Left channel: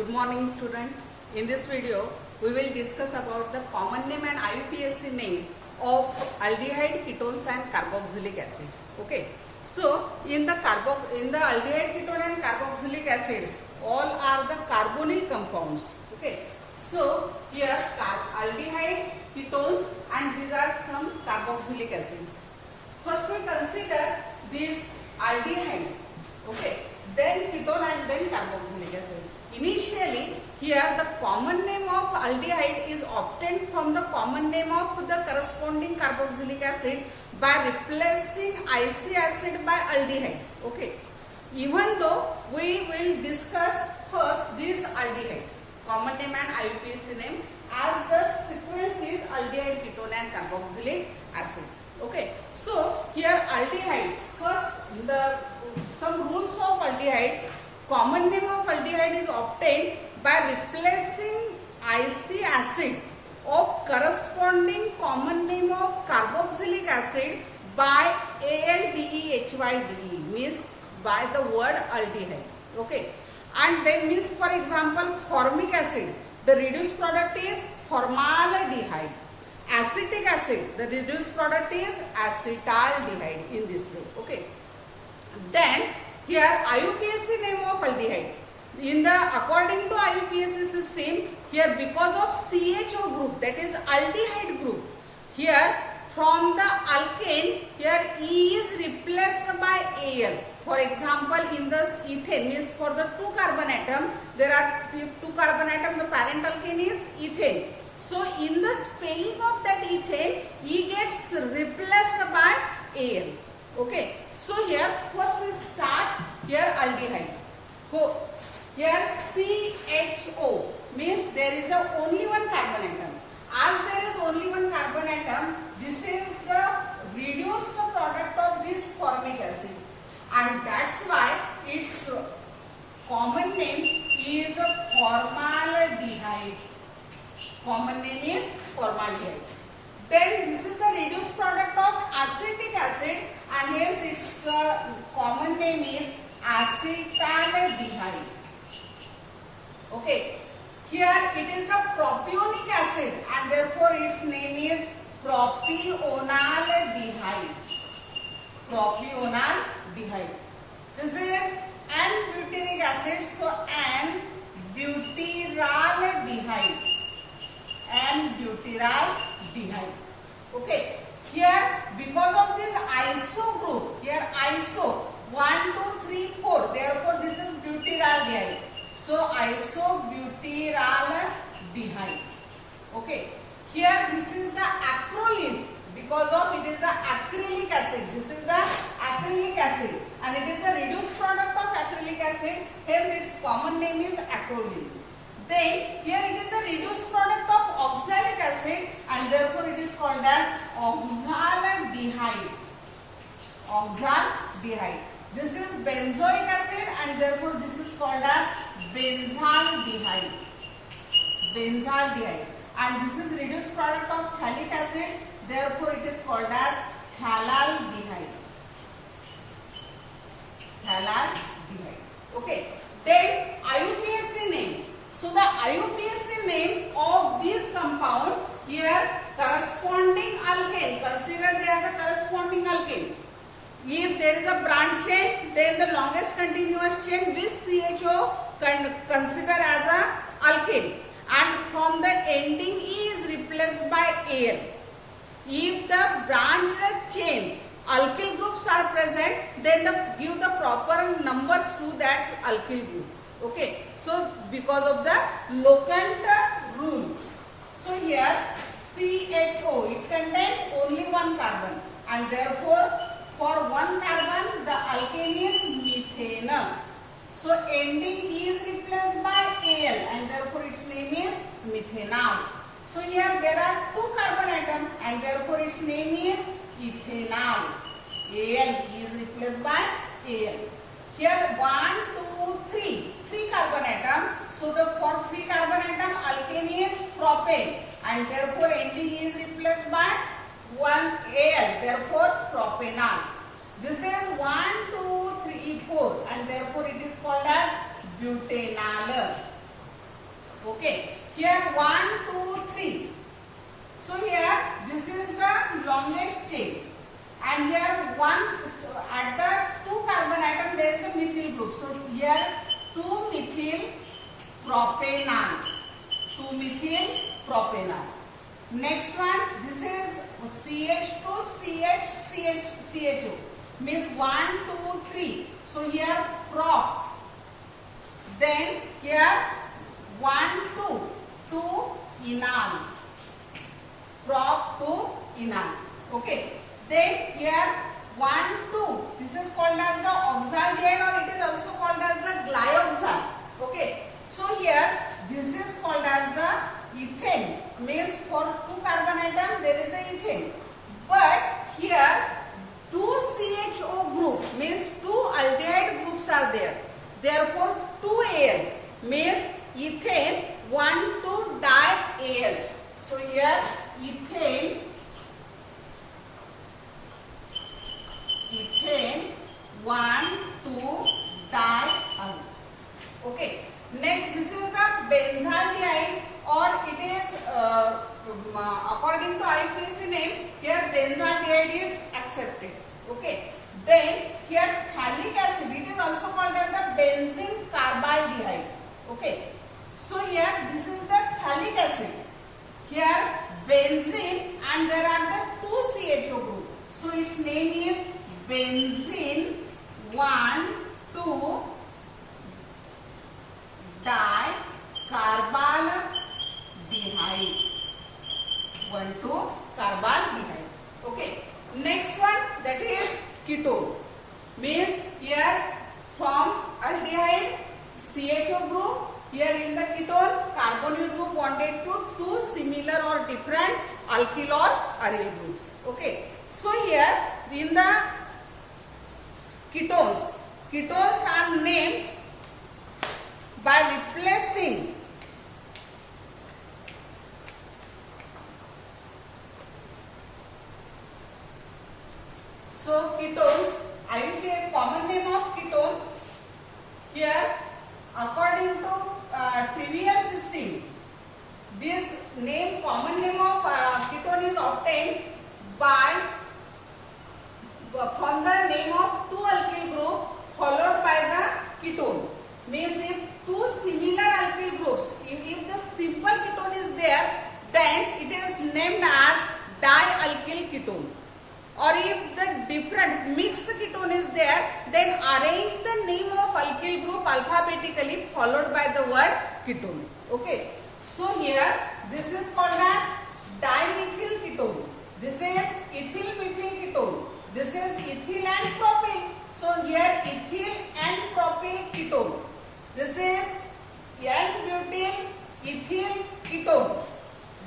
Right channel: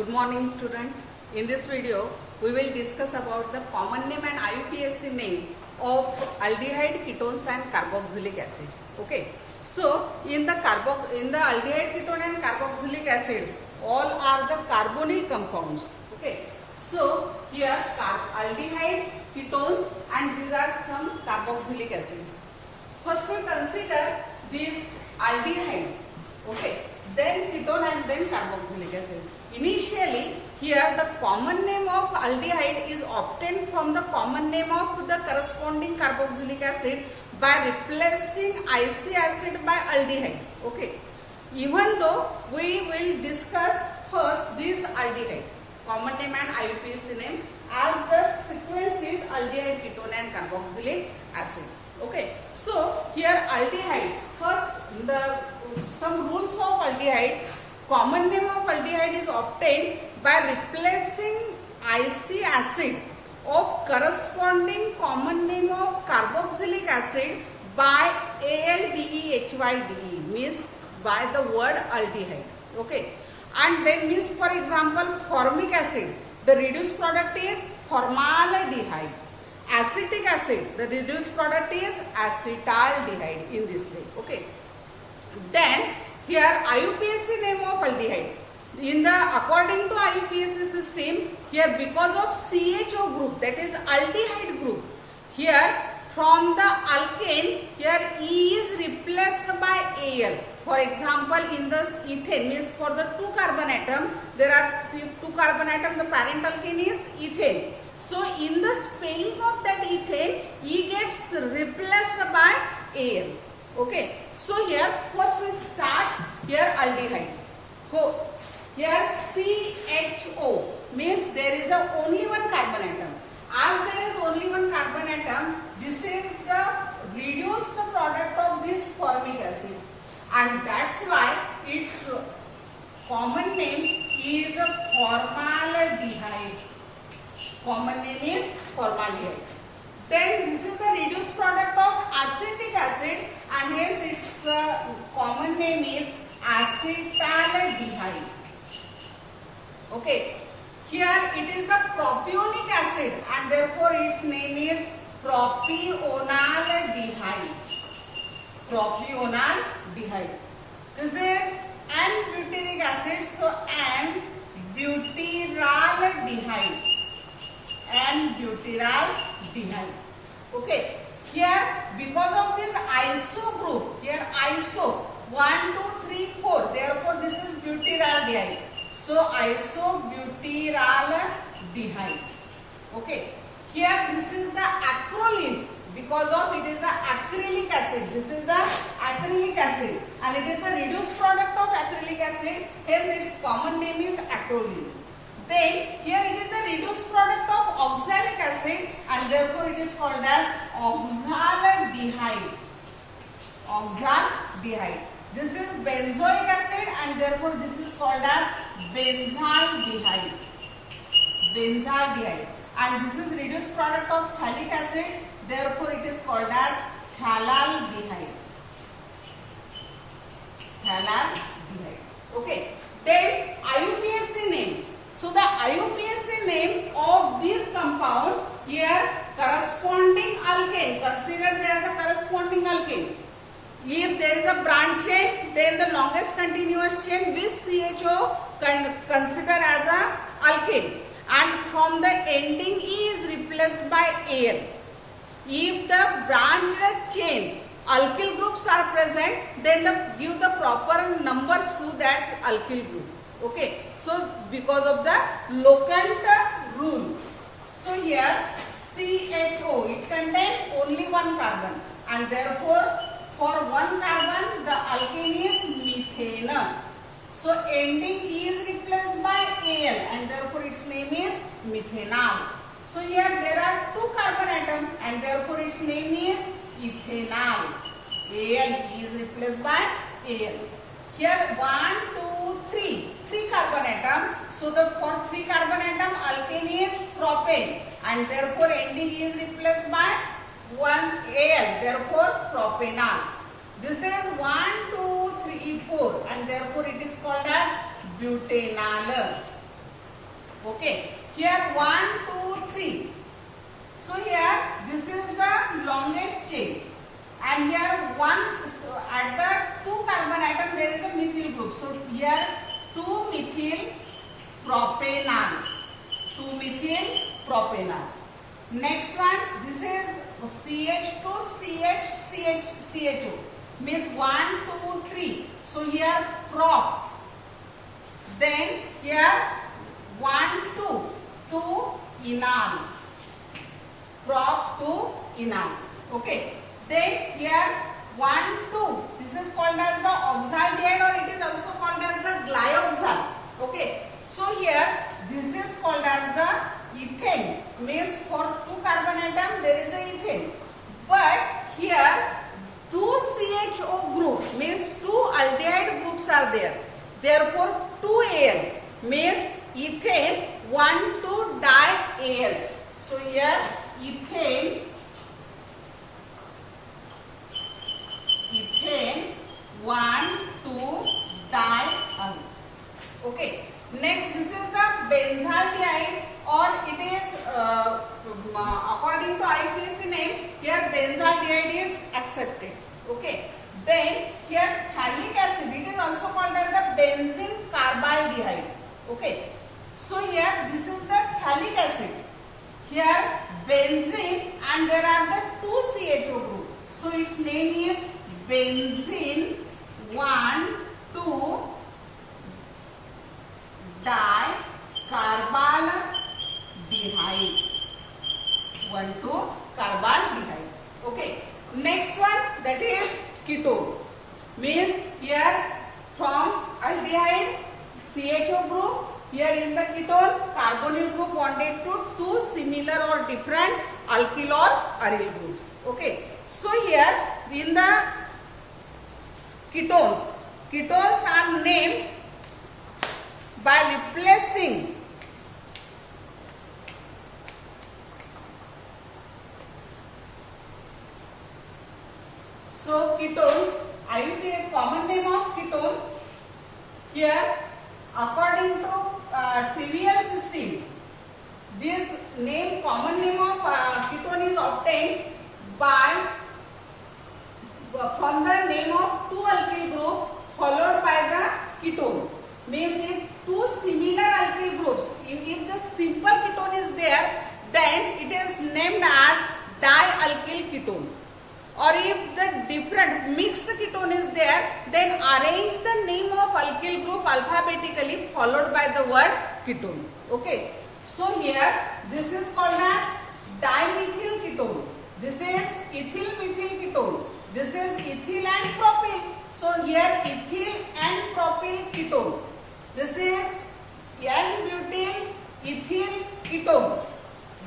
Good morning student. In this video we will discuss about the common name and IUPAC name of aldehyde, ketones and carboxylic acids. Okay. So in the aldehyde, ketone and carboxylic acids all are the carbonyl compounds. Okay. So here aldehyde, ketones and these are some carboxylic acids. First we consider these aldehyde. Okay. Then ketone and then carboxylic acid. Initially, here the common name of aldehyde is obtained from the common name of the corresponding carboxylic acid by replacing IC acid by aldehyde. Okay. Even though we will discuss first this aldehyde, common name and IUPAC name, as the sequence is aldehyde, ketone and carboxylic acid. Okay. So here aldehyde, first some rules of aldehyde. Common name of aldehyde is obtained by replacing IC acid of corresponding common name of carboxylic acid by ALDEHYDE, means by the word aldehyde. Okay. And then means, for example, formic acid, the reduced product is formaldehyde. Acetic acid, the reduced product is acetaldehyde, in this way. Okay. Then here IUPAC name of aldehyde. According to IUPAC system, here because of CHO group, that is aldehyde group, here from the alkane, here E is replaced by Al. For example, in this ethane, means for the 2 carbon atom, there are 2 carbon atom, the parent alkane is ethane. So in the spelling of that ethane, E gets replaced by Al. Okay. So here first we start here aldehyde. Here CHO means there is only one carbon atom. As there is only one carbon atom, this is the reduced product of this formic acid, and that's why its common name is formaldehyde. Common name is formaldehyde. Then this is the reduced product of acetic acid, and hence its common name is acetaldehyde. Okay. Here it is the propionic acid, and therefore its name is propionaldehyde. Propionaldehyde. This is N-butyric acid, so N-butyraldehyde. N-butyraldehyde. Okay. Here because of this iso group, here iso 1, 2, 3, 4. Therefore this is butyraldehyde. So isobutyraldehyde. Okay. Here this is the acrolein, because of it is the acrylic acid. This is the acrylic acid, and it is the reduced product of acrylic acid. Hence its common name is acrolein. Then here it is the reduced product of oxalic acid, and therefore it is called as oxaldehyde. Oxaldehyde. This is benzoic acid, and therefore this is called as benzaldehyde. Benzaldehyde. And this is reduced product of phthalic acid, therefore it is called as phthalaldehyde. Phthalaldehyde. Okay. Then IUPAC name. So the IUPAC name of this compound, here corresponding alkane, consider they are the corresponding alkane. If there is a branch chain, then the longest continuous chain with CHO consider as a alkane, and from the ending E is replaced by Al. If the branched chain alkyl groups are present, then give the proper numbers to that alkyl group. Okay. So because of the locant rule. So here CHO, it contains only one carbon, and therefore for one carbon the alkane is methane. So ending E is replaced by Al, and therefore its name is methanol. So here there are 2 carbon atoms, and therefore its name is ethanol. Al is replaced by Al. Here 1, 2, 3 carbon atom. So for 3 carbon atom alkane is propane, and therefore ending is replaced by 1 Al, therefore propanol. This is 1, 2, 3, 4, and therefore it is called as butanol. Okay. Here 1, 2, 3. So here this is the longest chain, and here one at the 2 carbon atom there is a methyl group. So here 2 methyl propanol. 2 methyl propanol. Next one, this is CH2 CHO means 1, 2, 3. So here prop. Then here 1, 2 enol. Prop to enol. Okay. Then here 1, 2. This is called as the oxide or it is also called as the glyoxal. Okay. So here this is called as the ethane. Means for 2 carbon atom there is a ethane. But here 2 CHO group means 2 aldehyde groups are there. Therefore 2 Al means ethane 1, 2 di-Al. So here ethane 1, 2 di-Al. Okay. Next, this is the benzaldehyde, or it is according to IUPAC name. Here benzaldehyde is accepted. Okay. Then here phthalic acid. It is also called as the benzene carbidehyde. Okay. So here this is the phthalic acid. Here benzene, and there are the 2 CHO group. So its name is benzene 1, 2 di-carbaldehyde. 1, 2 carbaldehyde. Okay. Next one, that is ketone. Means here from aldehyde CHO group. Here in the ketone, carbonyl group bonded to 2 similar or different alkyl or aryl groups. Okay. So here in the ketones are named by replacing ketones, IUPAC common name of ketone. Here according to trivial system, this name common name of ketone is obtained by from the name of 2 alkyl group followed by the ketone. Means if 2 similar alkyl groups, if the simple ketone is there, then it is named as dialkyl ketone. Or if the different mixed ketone is there, then arrange the name of alkyl group alphabetically followed by the word ketone. Okay. So here this is called as dimethyl ketone. This is ethyl methyl ketone. This is ethyl and propyl. So here ethyl and propyl ketone. This is N-butyl ethyl ketone.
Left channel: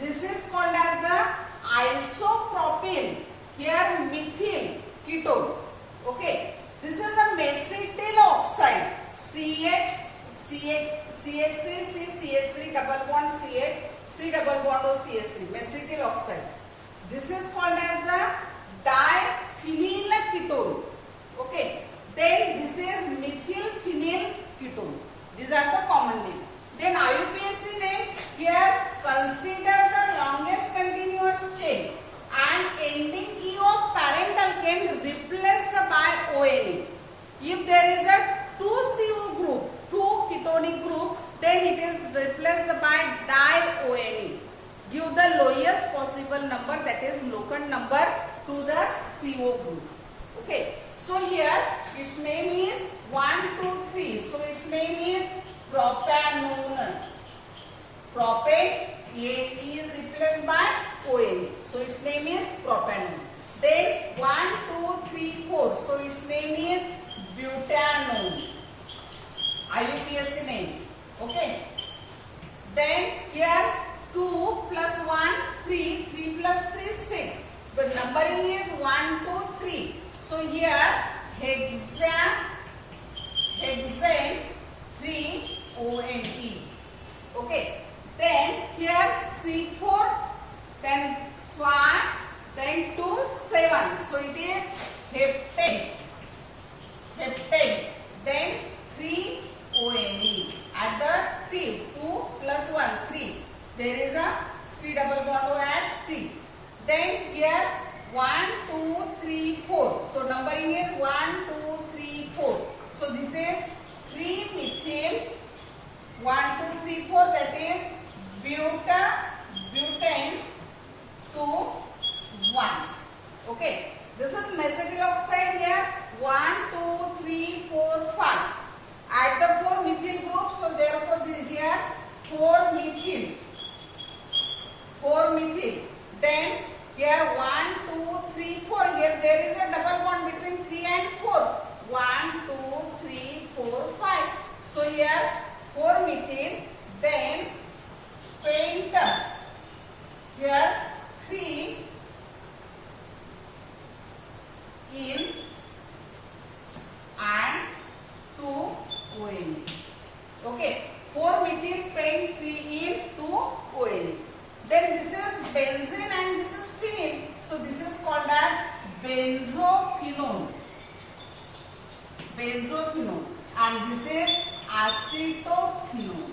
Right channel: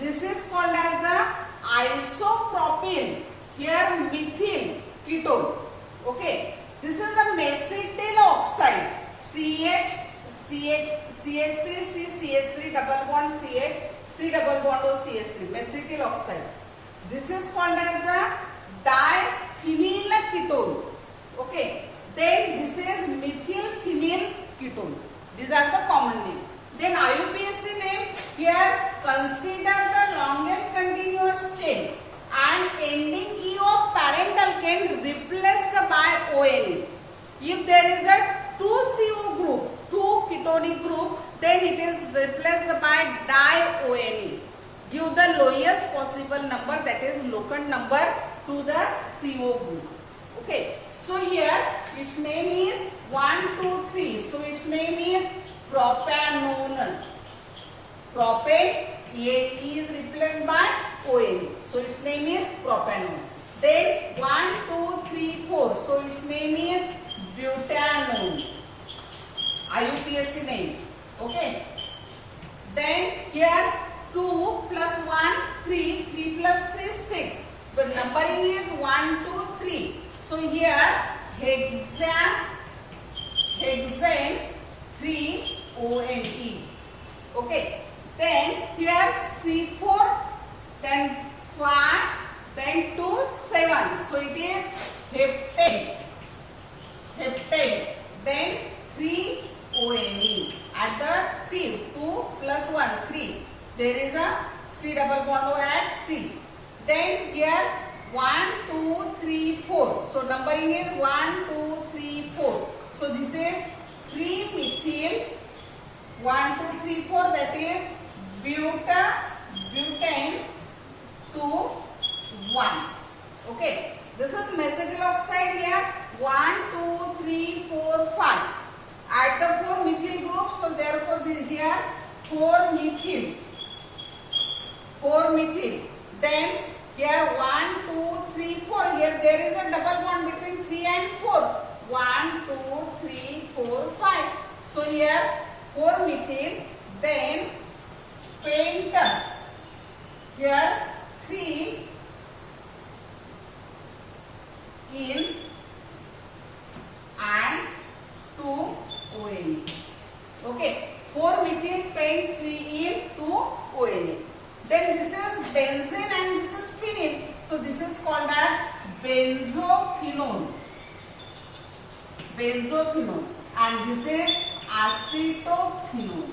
This is called as the isopropyl. Here methyl ketone. Okay. This is a mesyl oxide. CH3 double bond CH, C double bond O CH3. Mesyl oxide. This is called as the diphenyl ketone. Okay. Then this is methyl phenyl ketone. These are the common names. Then IUPAC name, here consider the longest continuous chain and ending E of parent alkane replaced by ONA. If there is a 2 CO group, 2 ketonic group, then it is replaced by di-ONA. Give the lowest possible number, that is locant number, to the CO group. Okay. So here its name is 1, 2, 3. So its name is propanone. Propane, E is replaced by ONA. So its name is propanone. Then 1, 2, 3, 4. So its name is butanone. IUPAC name. Okay. Then here 2 plus 1, 3. 3 plus 3, 6. The numbering is 1, 2, 3. So here hexane 3-ONE. Okay. Then here C4, then 5, then 2, 7. So it is heptane. Then 3-ONE. Add the 3. 2 plus 1, 3. There is a C double bond O at 3. Then here 1, 2, 3, 4. So numbering is 1, 2, 3, 4. So this is 3 methyl 1, 2, 3, 4. That is butane 2, 1. Okay. This is methyl oxide here. 1, 2, 3, 4, 5. Add the 4 methyl groups. So therefore this here 4 methyl. 4 methyl. Then here 1, 2, 3, 4. Here there is a double bond between 3 and 4. 1, 2, 3, 4, 5. So here 4 methyl. Then penta. Here 3 in and 2 ONE. Okay. 4 methyl pent 3 in 2 ONE. Then this is benzene and this is phenyl. So this is called as benzophenone. Benzophenone. And this is acetophenone.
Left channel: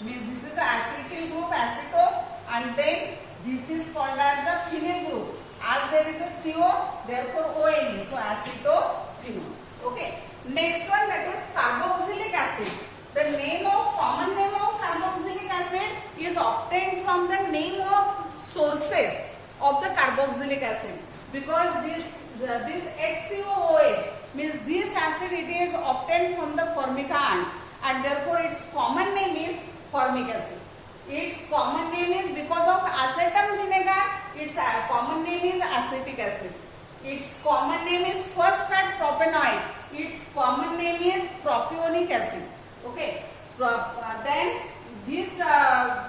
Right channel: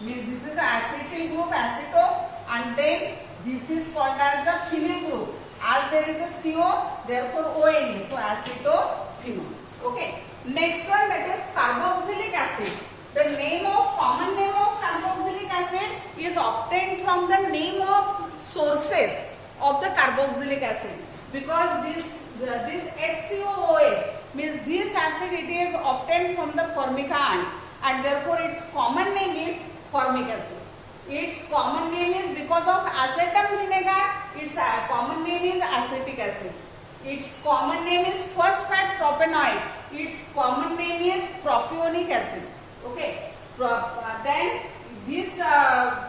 Means this is acetyl group, aceto, and then this is called as the phenyl group. As there is a CO, therefore ONE. So acetophenone. Okay. Next one, that is carboxylic acid. The common name of carboxylic acid is obtained from the name of sources of the carboxylic acid, because this HCOOH means this acid, it is obtained from the formica ant, and therefore its common name is formic acid. Its common name is, because of acetum vinegar, its common name is acetic acid. Its common name is phosphate propanoid. Its common name is propionic acid. Okay. Then this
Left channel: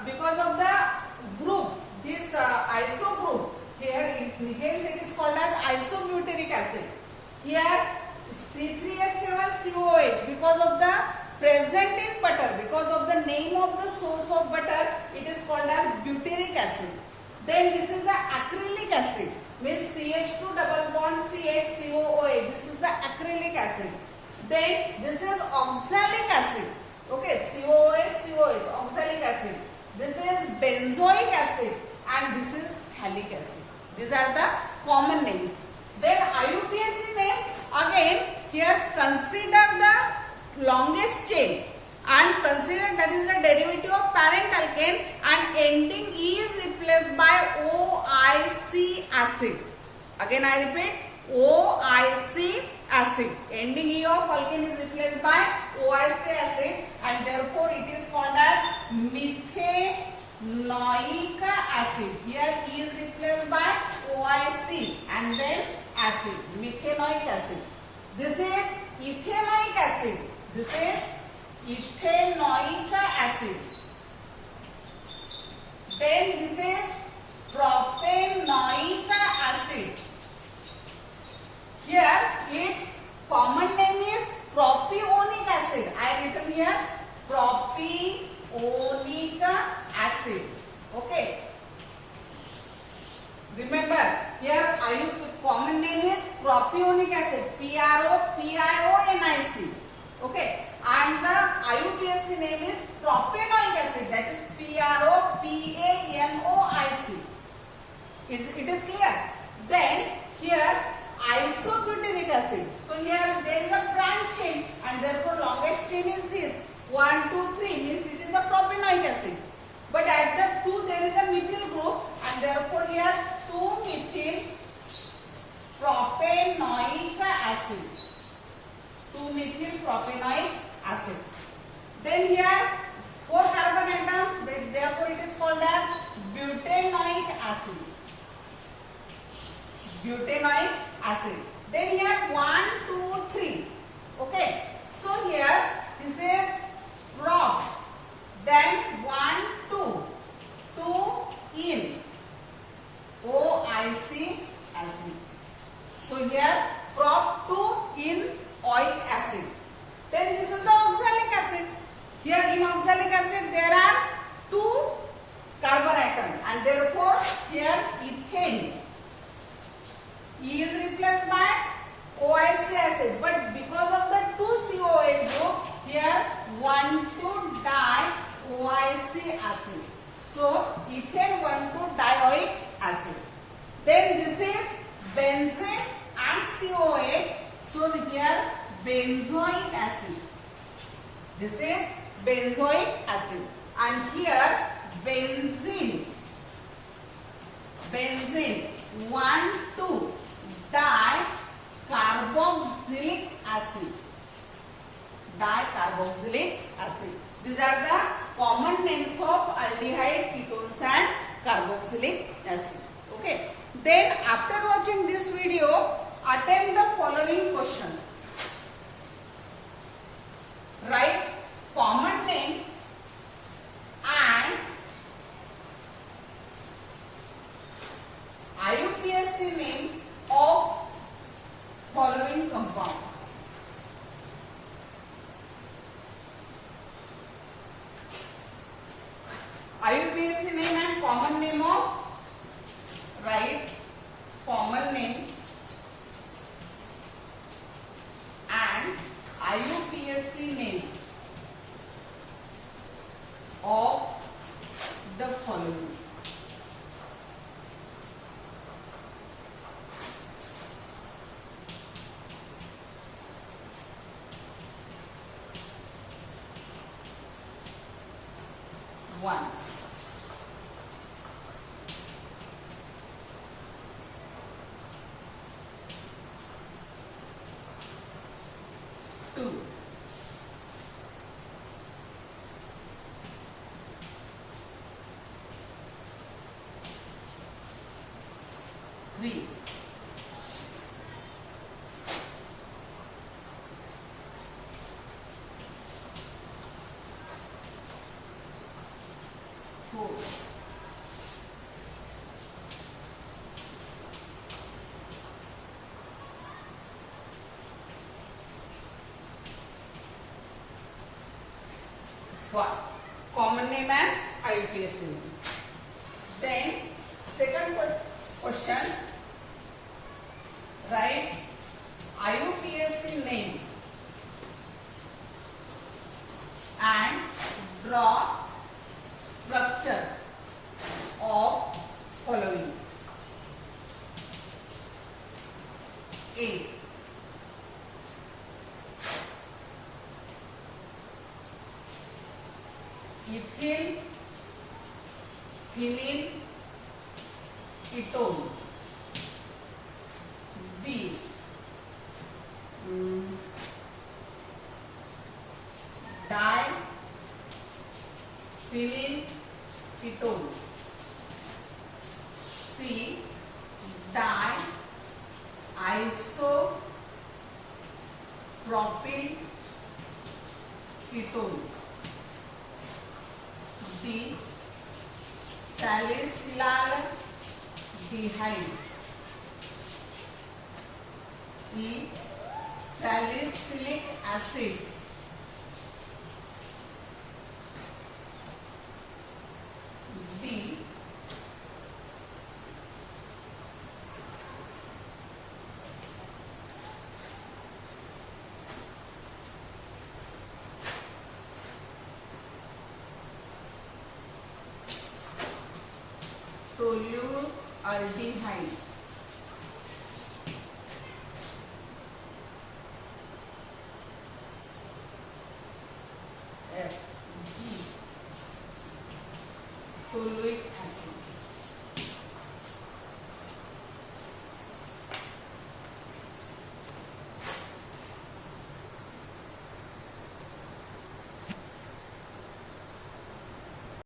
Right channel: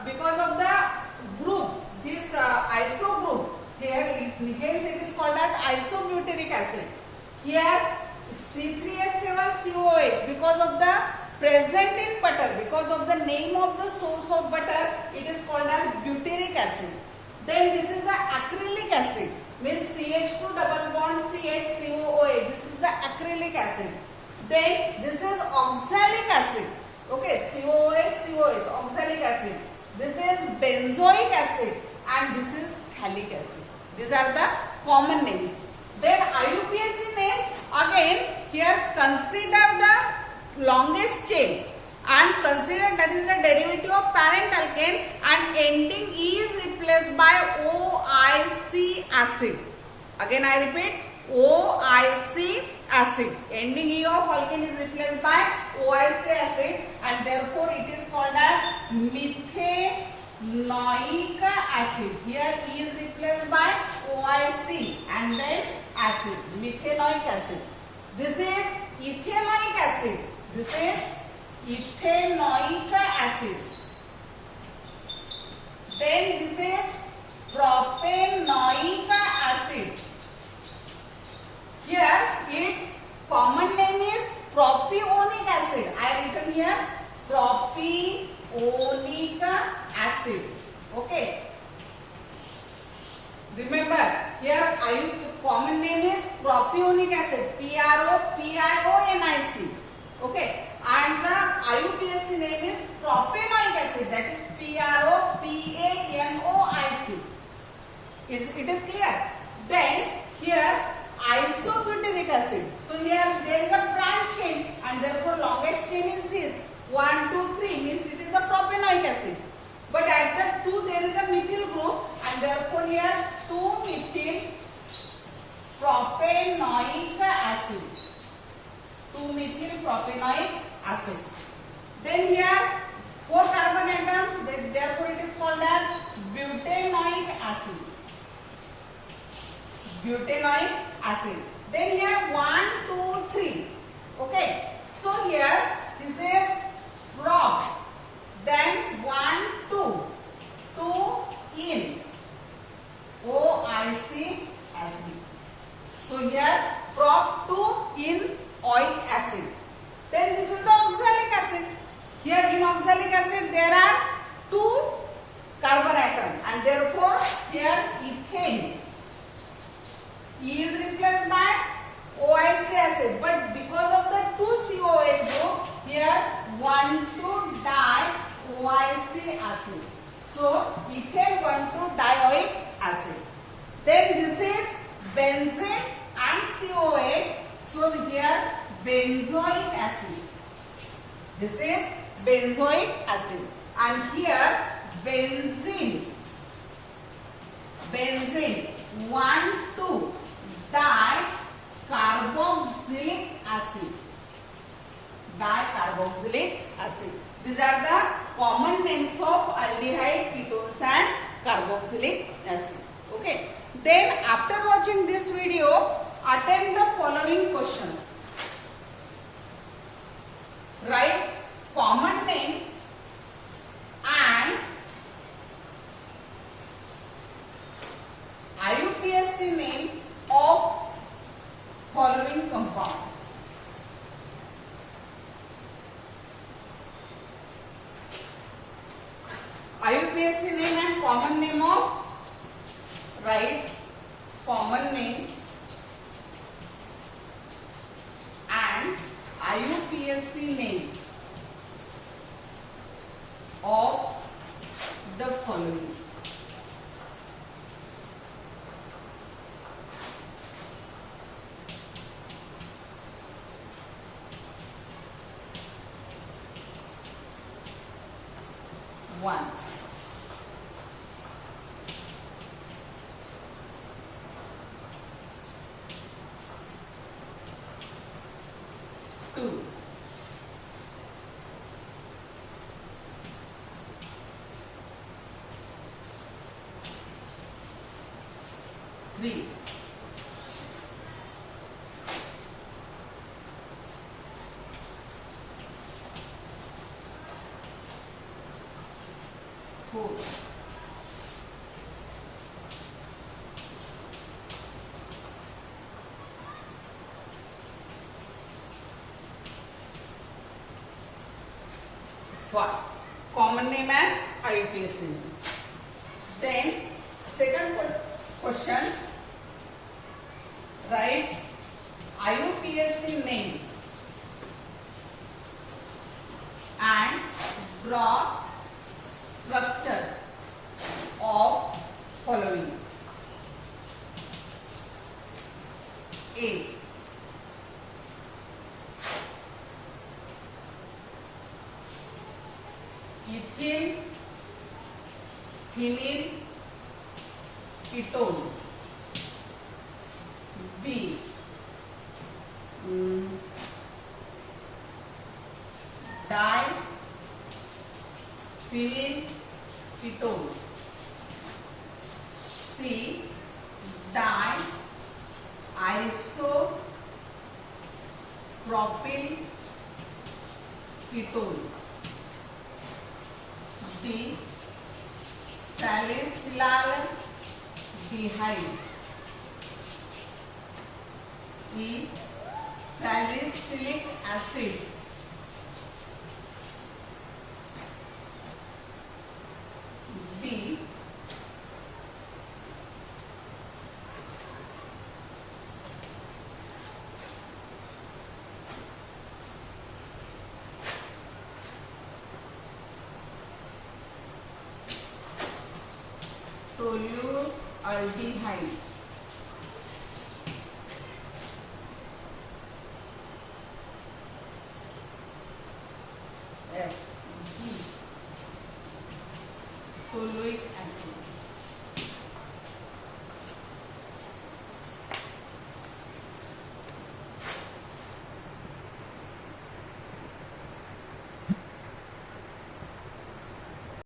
because of the group, this iso group, here it is called as isobutyric acid. Here C3H7COOH, because of the present in butter, because of the name of the source of butter, it is called as butyric acid. Then this is the acrylic acid, means CH2 double bond CHCOOH. This is the acrylic acid. Then this is oxalic acid. Okay, COOH, oxalic acid. This is benzoic acid and this is phthalic acid. These are the common names. Then IUPAC name, again here consider the longest chain and consider that is the derivative of parent alkane and ending E is replaced by OIC acid. Again I repeat, OIC acid. Ending E of alkane is replaced by OIC acid and therefore it is called as methanoic acid. Here E is replaced by OIC and then acid, methanoic acid. This is ethanoic acid. This is ethanoic acid. Then this is propanoic acid. Here its common name is propionic acid. I have written here propionic acid. Okay. Remember here common name is propionic acid. PROPIONIC. Okay. And the IUPAC name is propanoic acid. That is PROPANOIC. It is clear. Then here isobutyric acid. So here there is a branch chain and therefore longest chain is this 1, 2, 3 means it is a propanoic acid. But at the 2 there is a methyl group and therefore here 2 methyl propanoic acid. 2 methyl propanoic acid. Then here 4 carbon atom, therefore it is called as butanoic acid. Butanoic acid. Then here 1, 2, 3. Okay. So here this is prop. Then 1, 2. 2 in OIC acid. So here prop 2 in oic acid. Then this is the oxalic acid. Here in oxalic acid there are 2 carbon atoms and therefore here ethane. E is replaced by OIC acid, but because of the 2 COH group, here 1, 2 di OIC acid. So ethane 1,2-dioic acid. Then this is benzene and COH. So here benzoic acid. This is benzoic acid. And here benzene. Benzene 1,2-dicarboxylic acid. Dicarboxylic acid. These are the common names of aldehyde, ketones and carboxylic acid. Okay. Then after watching this video, attempt the following questions. Write common name and IUPAC name of following compounds. IUPAC name and common name of, write common name and IUPAC name of the following. One. Two. Three. Four. Five. Common name and IUPAC name. Then second question, write IUPAC name and draw structure of following. A. Ethene, phenyl, ketone. B. Diphenyl ketone. C. Di-isopropyl ketone. D. Salicylaldehyde. E. Salicylic acid. D. Tolualdehyde. F. G. Toluic